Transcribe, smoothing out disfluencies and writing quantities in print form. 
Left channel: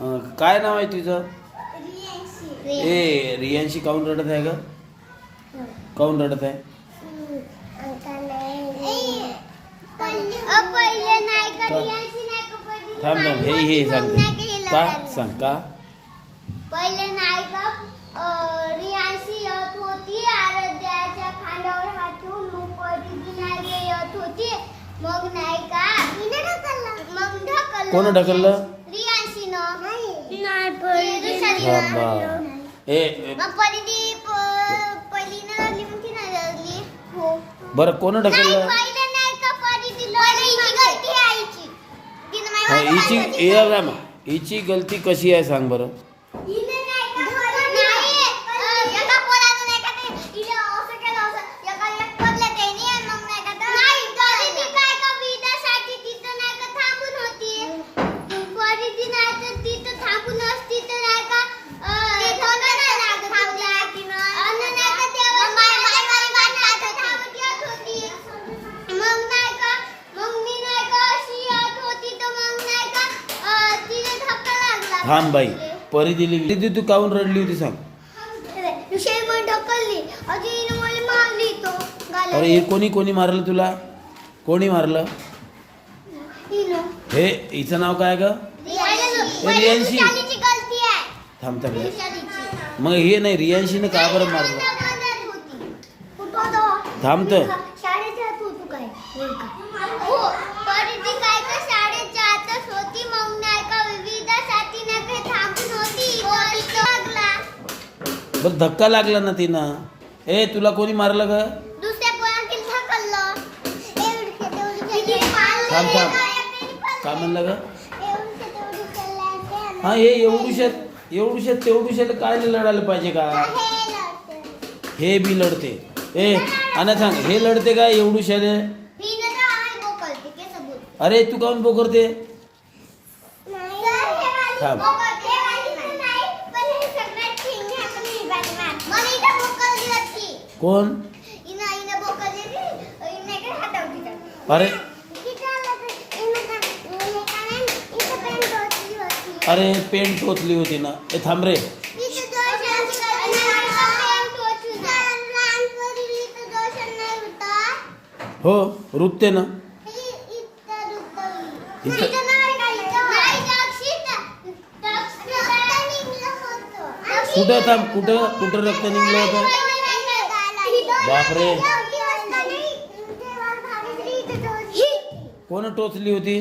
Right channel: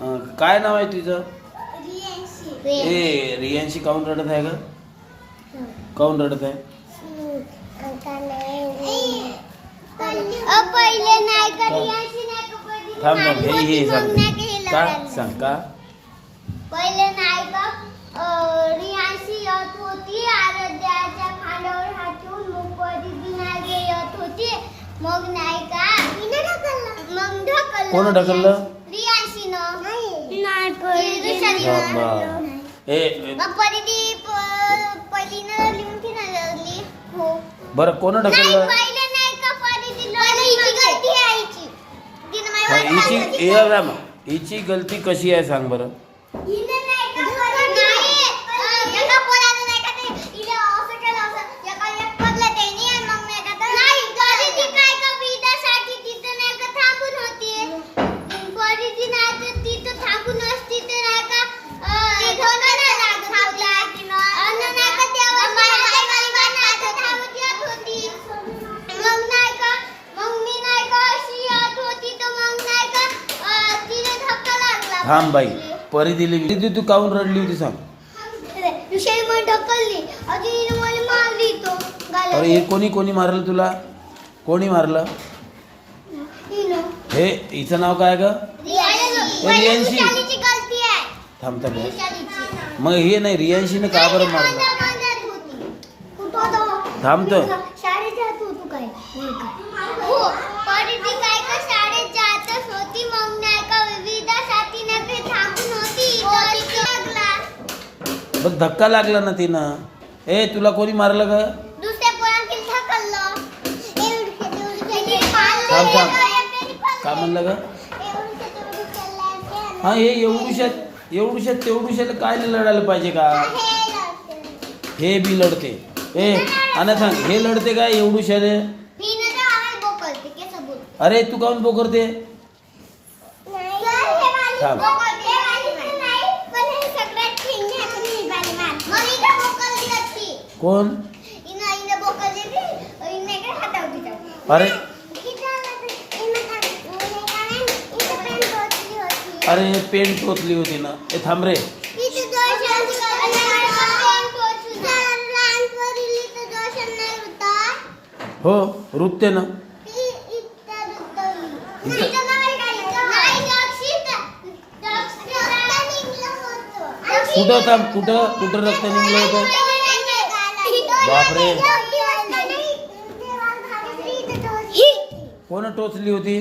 काय नाव आहे तुझं? ए रियांशी काऊन रडत आहे ग? काऊन रडत आहे? थांब थांब हे सांगते का सांग का पहिले नाही का रियांशी येत होती आराध्याच्या खांद्यावर हात ठेवून मग परिधी नाही येत होती मग नाही का मग ढकललं. कोण ढकललं? रियांशीनं नाही बाबा ए मग परिधी पहिलीनं लिहून की नाही लागली हो बरं कोण ढकललं? पहिले नाही का परिधी गलती आईची हा हिची गलती कशी आहे सांग बरं? थांब बाई परिधी तू काऊन रडली होती सांग? अरे हे कोणी मारलं तुला? कोणी मारलं? हे हिचं नाव काय ग? रियांशी. थांब थांब मग हे नाही रियांशीनं का बरं मारलं? थांब तर शाळेत जात होतो काय हो परिधी काय का शाळेत जातच होती मग नाही का विविधासाठी नाही काही थांबून होती लागला बघ धक्का लागला ना तिनं. ए तुला कोणी मारलं ग? दुसऱ्या पोरांनी ढकललं थांब थांब का म्हणलं ग? हा हे एवढूशात काय लढायला पाहिजे का? हे बी लढते. ए आणि सांग हे लढते का एवढूशाले? अरे तू काऊन बोकरते? थांब कोण? अरे अरे पेन टोचली होती ना. ए थांब रे हो रुपते ना. कुठं थांब कुठं रक्त निघलं होतं? बापरे कोण टोचली होती?